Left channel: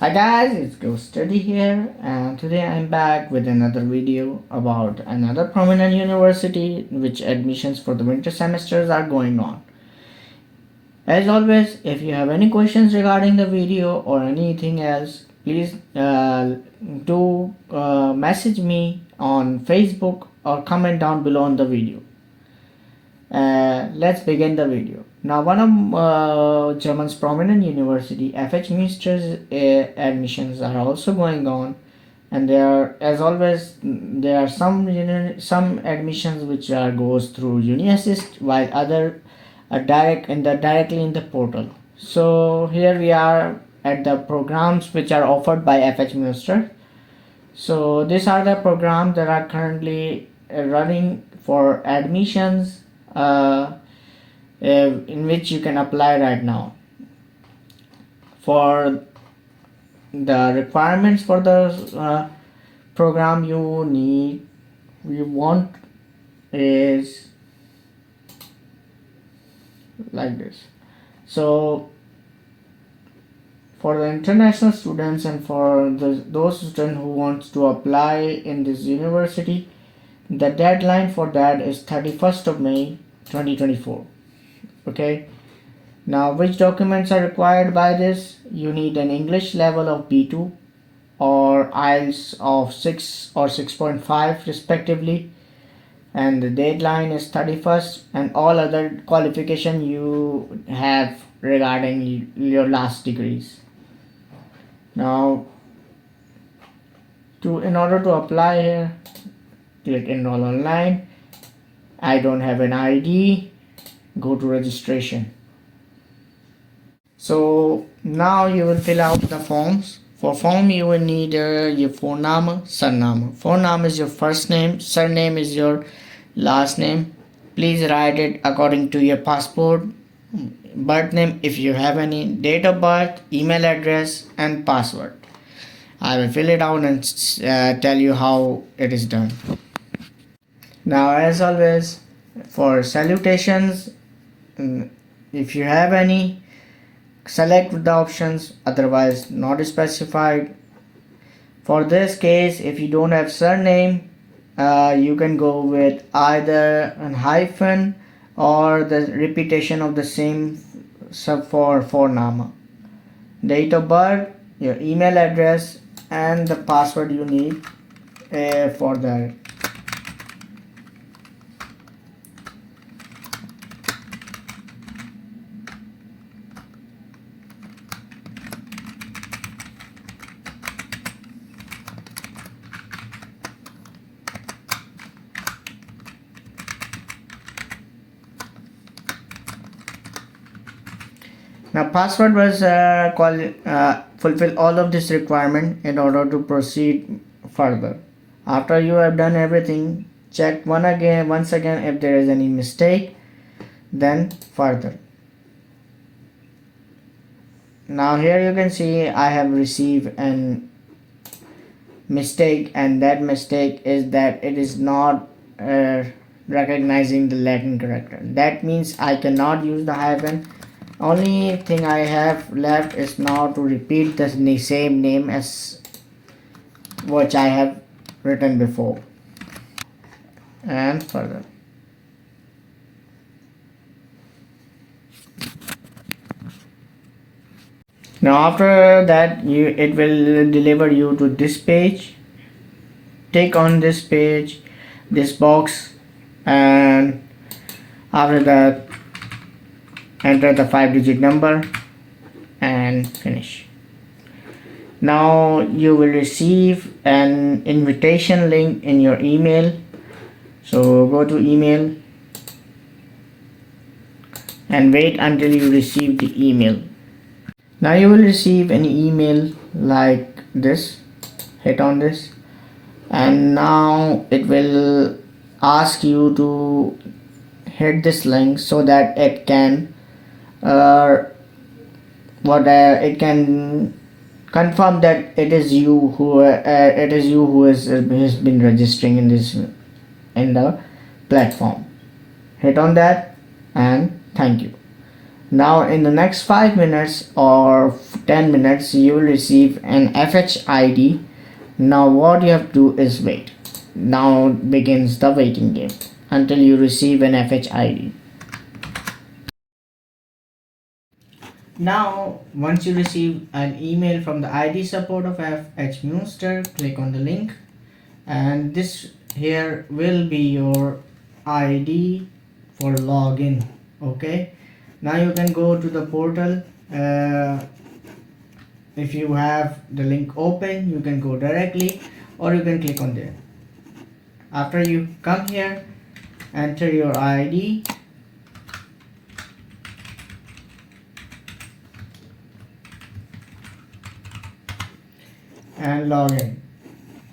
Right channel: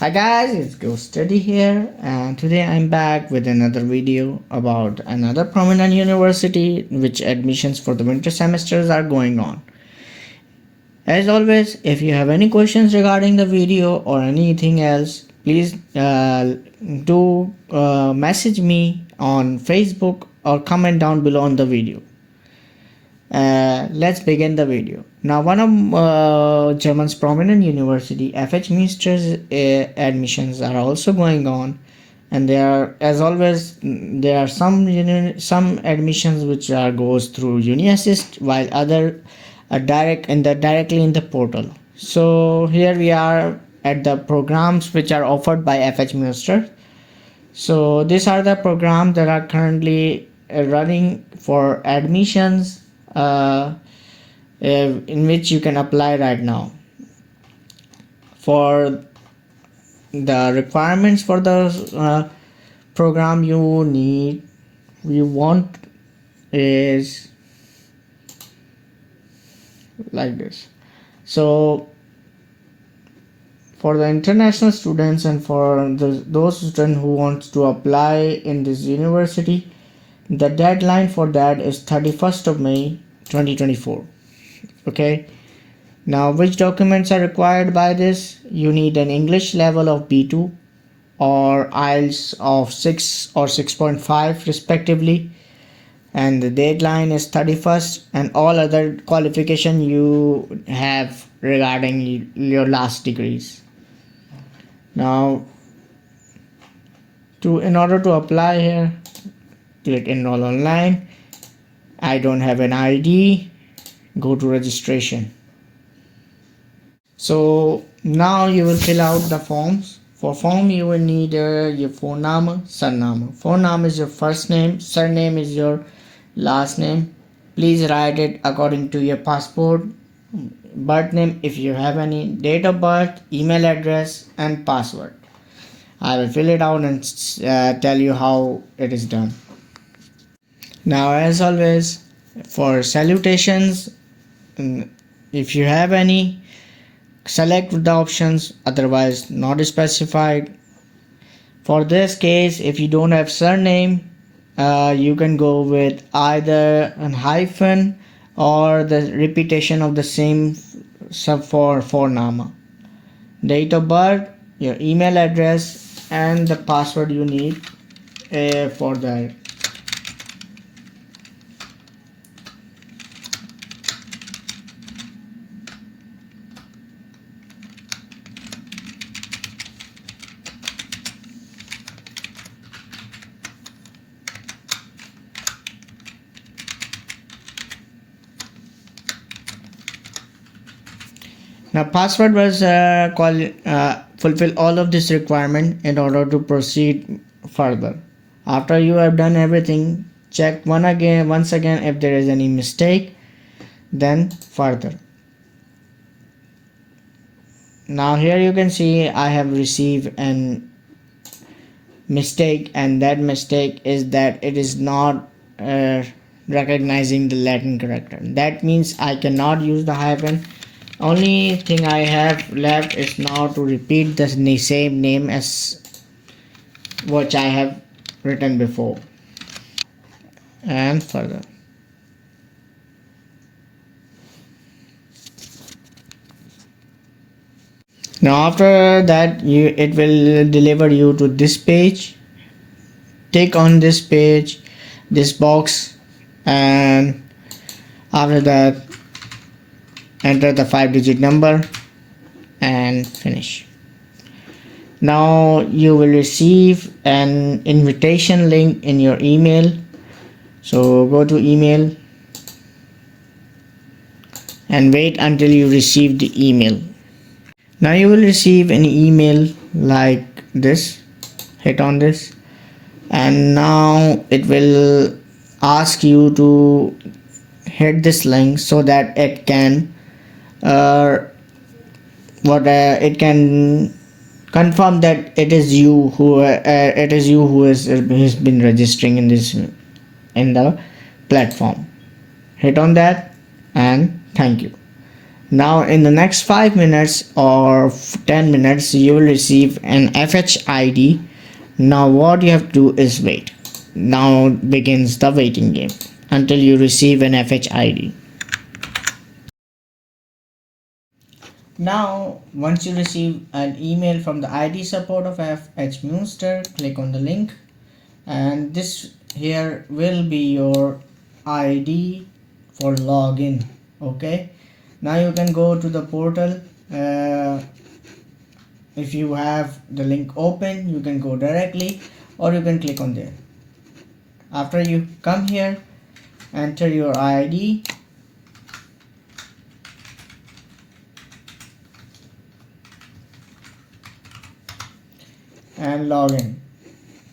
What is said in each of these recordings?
Hi guys, it's Go Study here, and today I'm back with another video about another prominent university in which admissions for the winter semesters are going on. As always, if you have any questions regarding the video or anything else, please do message me on Facebook or comment down below on the video. Let's begin the video. Now, one of German's prominent university, FH Münster's admissions are also going on, and there are, as always, there are some admissions which goes through UniAssist, while other are directly in the portal. So here we are at the programs which are offered by FH Münster. So these are the programs that are currently running for admissions in which you can apply right now. For the requirements for the program you want is like this. So for the international students and for those students who want to apply in this university, the deadline for that is 31st of May 2024. Okay, now which documents are required by this? You need an English level of B2 or IELTS of 6 or 6.5 respectively, and the deadline is 31st, and all other qualification you have regarding your last degrees. Now in order to apply here, click enroll online. I don't have an ID, go to registration. So now you will fill out the forms. For form you will need your Vorname, Surname. Vorname is your first name, surname is your last name. Please write it according to your passport, birth name if you have any, date of birth, email address and password. I will fill it out and tell you how it is done. Now, as always, for salutations, if you have any, select the options, otherwise not specified. For this case, if you don't have surname, you can go with either a hyphen or the repetition of the same sub for Vorname. Date of birth, your email address and the password you need for that. Now password was fulfill all of this requirement in order to proceed further. After you have done everything, check once again if there is any mistake, then further. Now here you can see I have received an mistake, and that mistake is that it is not recognizing the Latin character. That means I cannot use the hyphen. Only thing I have left is now to repeat the same name as which I have written before, and further. Now after that it will deliver you to this page. Click on this page, this box, and after that enter the 5-digit number and finish. Now you will receive an invitation link in your email. So go to email and wait until you receive the email. Now you will receive an email like this. Hit on this, and now it will ask you to hit this link so that it can it can confirm that it is you who has been registering in the platform. Hit on that and thank you. Now in the next 5 minutes or 10 minutes you will receive an FH ID. Now what you have to do is wait. Now begins the waiting game until you receive an FH ID. Now once you receive an email from the ID support of FH Münster, click on the link and this here will be your ID for login. Okay, now you can go to the portal. If you have the link open, you can go directly or you can click on there. After you come here, enter your ID and log in.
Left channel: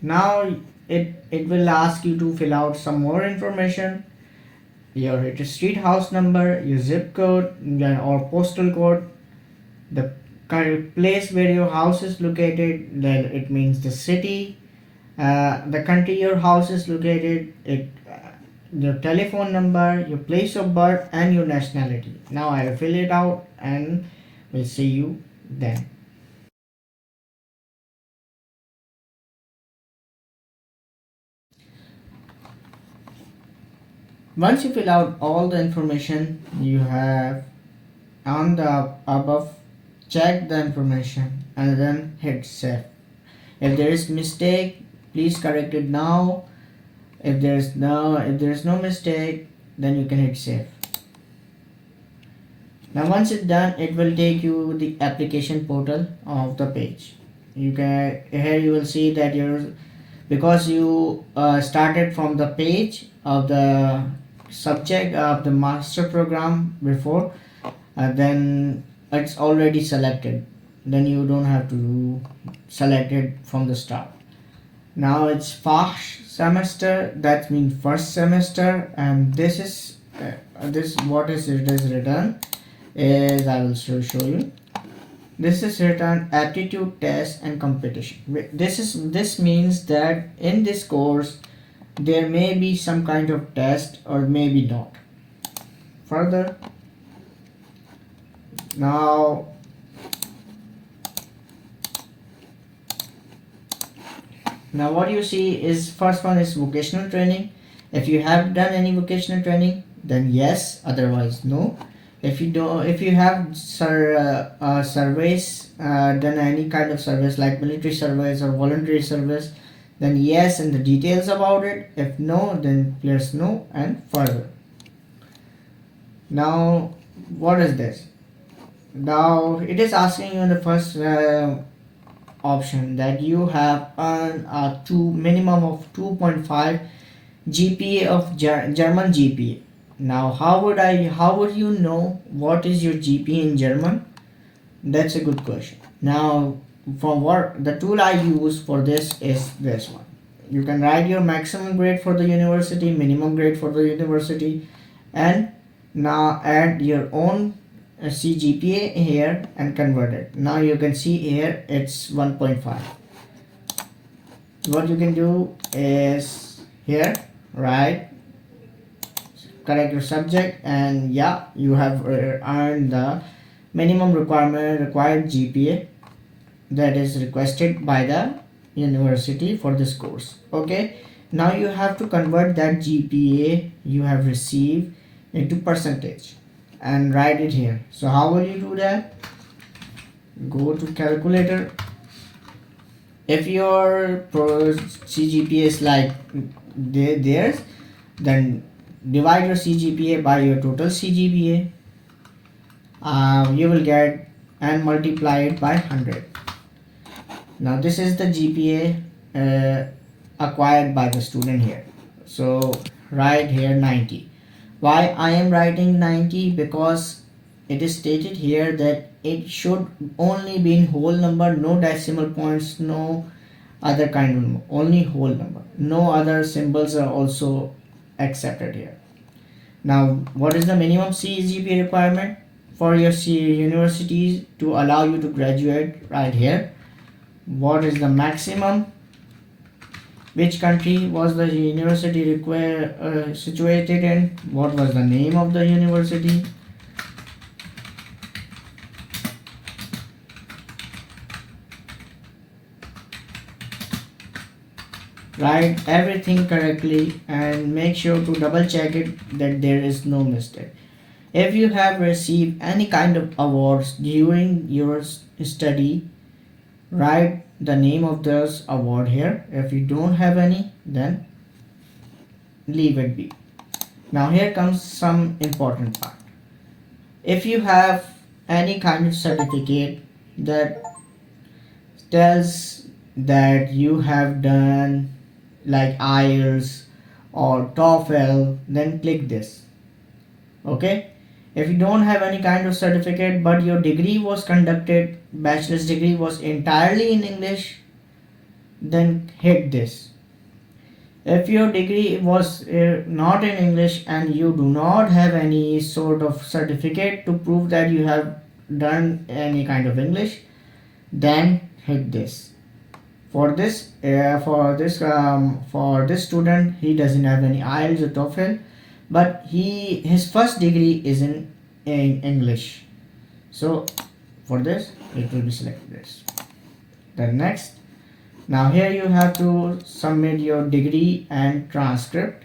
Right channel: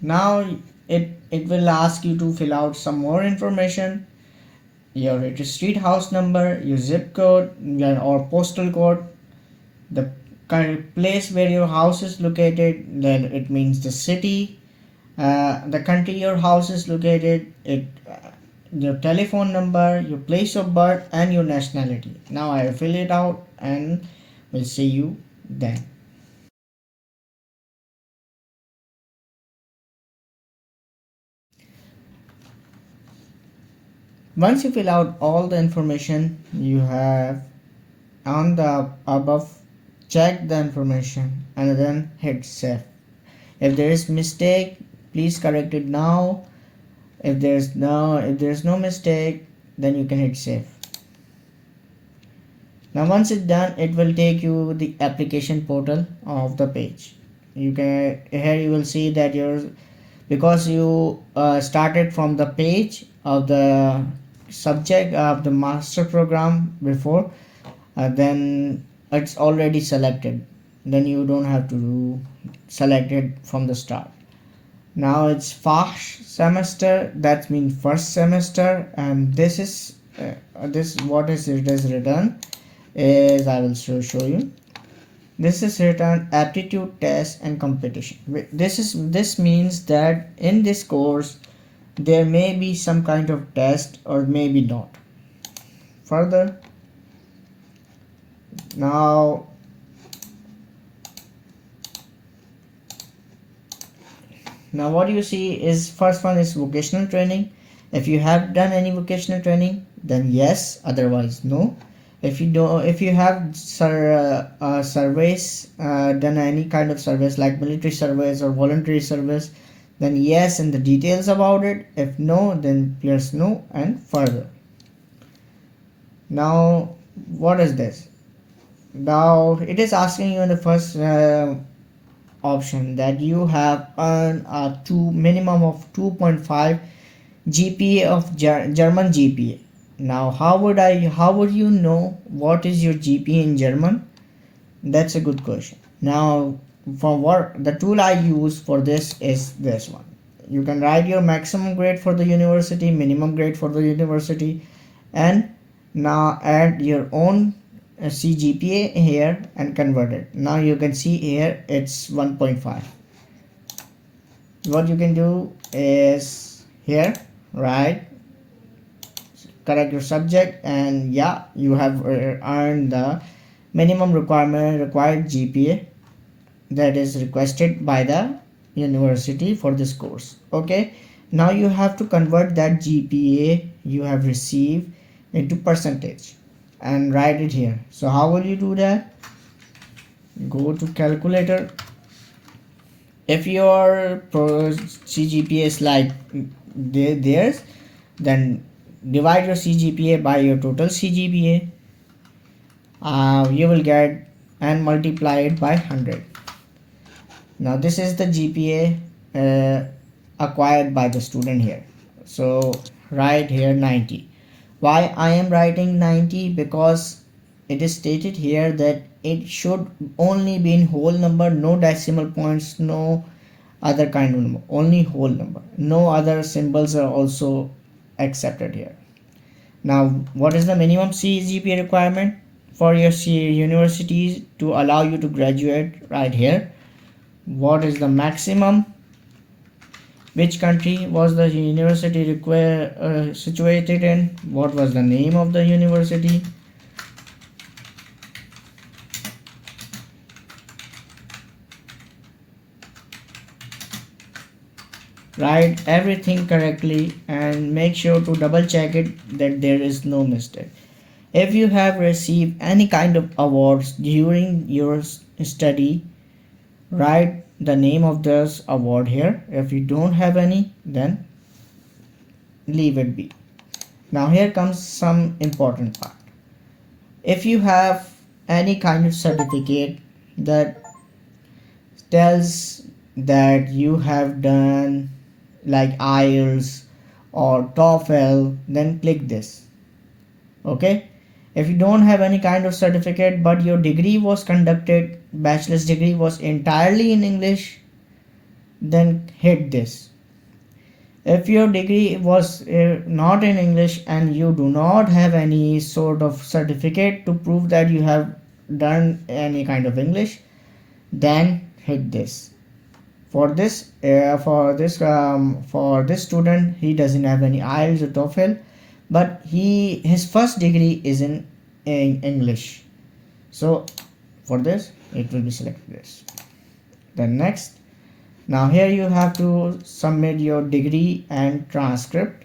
Now it will ask you to fill out some more information, your street house number, your zip code, or postal code, the kind of place where your house is located, then it means the city, the country your house is located, your telephone number, your place of birth, and your nationality. Now I will fill it out and we'll see you then. Once you fill out all the information you have on the above, check the information and then hit save. If there is mistake, please correct it now. If there's no mistake, then you can hit save. Now once it's done, it will take you the application portal of the page. You can here you will see that because you started from the page of the subject of the master program before, then it's already selected. Then you don't have to select it from the start. Now it's FH semester, that means first semester, and this is what is it is written is I will show you. This is written aptitude test and competition. This means that in this course there may be some kind of test or maybe not. Further, now what you see is first one is vocational training. If you have done any vocational training, then yes, otherwise no. If you have surveys, done any kind of service like military service or voluntary service, then yes, and the details about it. If no, then press no and further. Now what is this? Now it is asking you in the first option that you have earned a minimum of 2.5 GPA of German GPA. Now how would you know what is your GPA in German? That's a good question. Now from what the tool I use for this is this one. You can write your maximum grade for the university, minimum grade for the university, and now add your own CGPA here and convert it. Now you can see here it's 1.5. What you can do is here correct your subject, and yeah, you have earned the minimum required GPA that is requested by the university for this course. Okay, now you have to convert that GPA you have received into percentage and write it here. So how will you do that? Go to calculator. If your CGPA is like theirs, then divide your CGPA by your total CGPA. You will get and multiply it by 100. Now this is the GPA acquired by the student here. So write here 90. Why I am writing 90? Because it is stated here that it should only be in whole number, no decimal points, no other kind of number, only whole number. No other symbols are also accepted here. Now what is the minimum CGPA requirement for your universities to allow you to graduate? Right here. What is the maximum? Which country was the university situated in? What was the name of the university? Write everything correctly and make sure to double check it that there is no mistake. If you have received any kind of awards during your study, write the name of this award here. If you don't have any, then leave it be. Now here comes some important part. If you have any kind of certificate that tells that you have done like IELTS or TOEFL, then click this. Okay, if you don't have any kind of certificate but your degree was conducted, bachelor's degree was entirely in English, then hit this. If your degree was not in English and you do not have any sort of certificate to prove that you have done any kind of English, then hit this. For this student, he doesn't have any IELTS or TOEFL, but his first degree is in English. So for this, it will be selected this. Then next. Now here you have to submit your degree and transcript.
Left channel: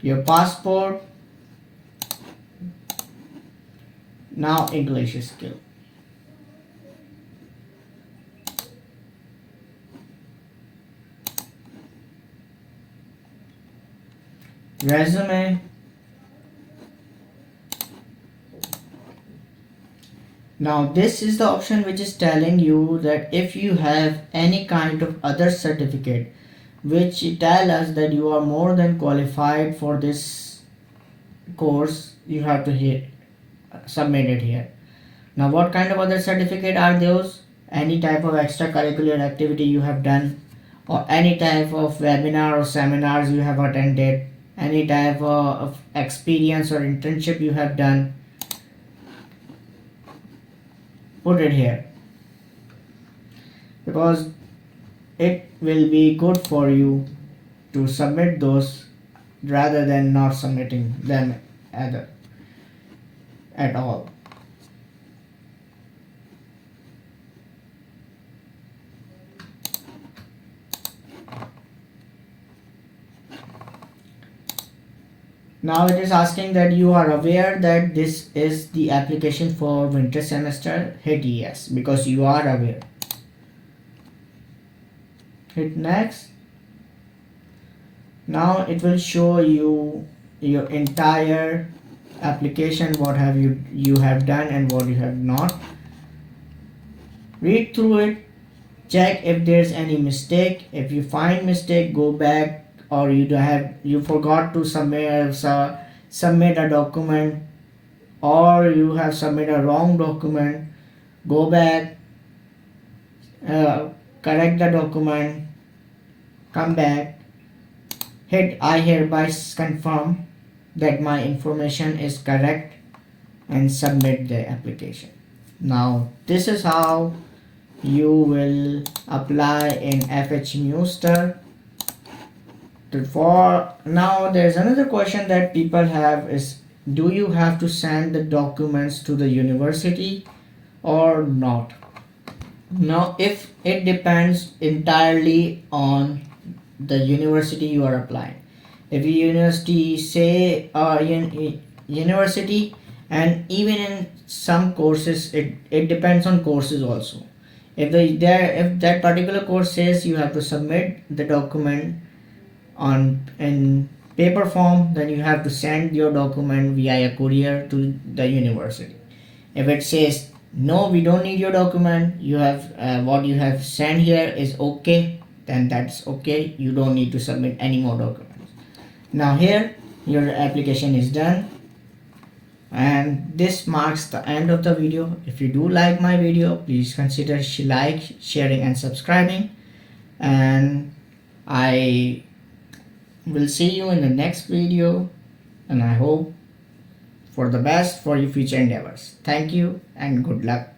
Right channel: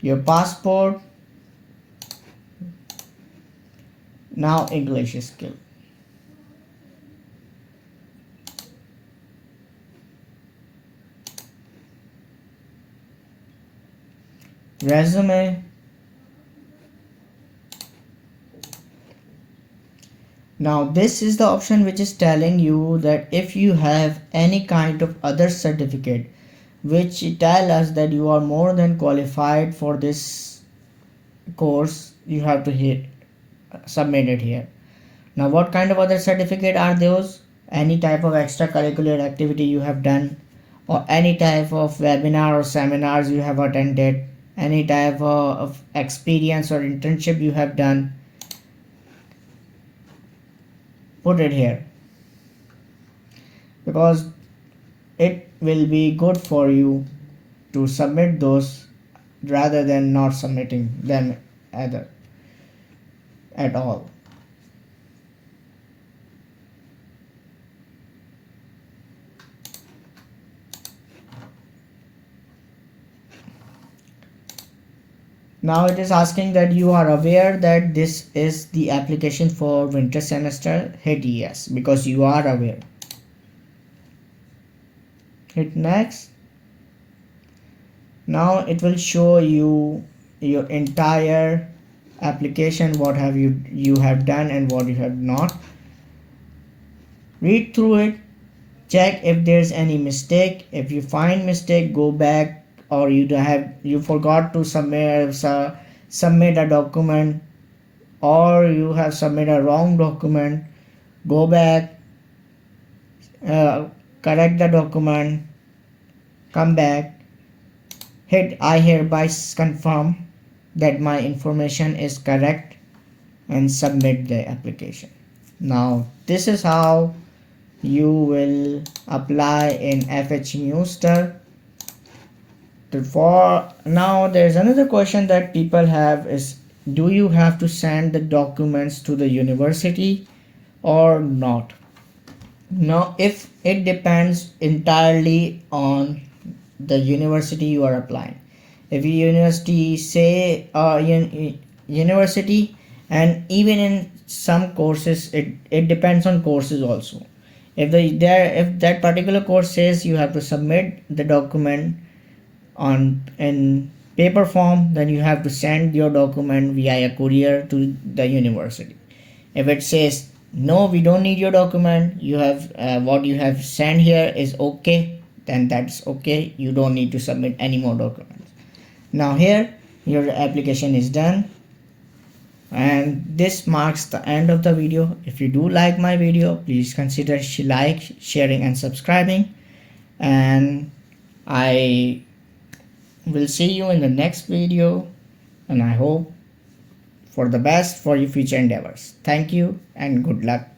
Your passport. Now English skill. Resume. Now this is the option which is telling you that if you have any kind of other certificate which tell us that you are more than qualified for this course, you have to hit submit it here. Now what kind of other certificate are those? Any type of extracurricular activity you have done, or any type of webinar or seminars you have attended, any type of experience or internship you have done, put it here, because it will be good for you to submit those rather than not submitting them at all. Now it is asking that you are aware that this is the application for winter semester. Hit yes because you are aware. Hit next. Now it will show you your entire application, what have you have done and what you have not. Read through it, check if there's any mistake. If you find mistake, go back, or you forgot to submit a document, or you have submitted a wrong document, go back, correct the document, come back, hit I hereby confirm that my information is correct, and submit the application. Now this is how you will apply in FH Münster. For now, there's another question that people have is, do you have to send the documents to the university or not? Now if it depends entirely on the university you are applying. If your university say university, and even in some courses it depends on courses also. If that particular course says you have to submit the document in paper form, then you have to send your document via a courier to the university. If it says no, we don't need your document, you have what you have sent here is okay, then that's okay, you don't need to submit any more documents. Now here your application is done, and this marks the end of the video. If you do like my video, please consider sharing and subscribing, and I will see you in the next video, and I hope for the best for your future endeavors. Thank you and good luck.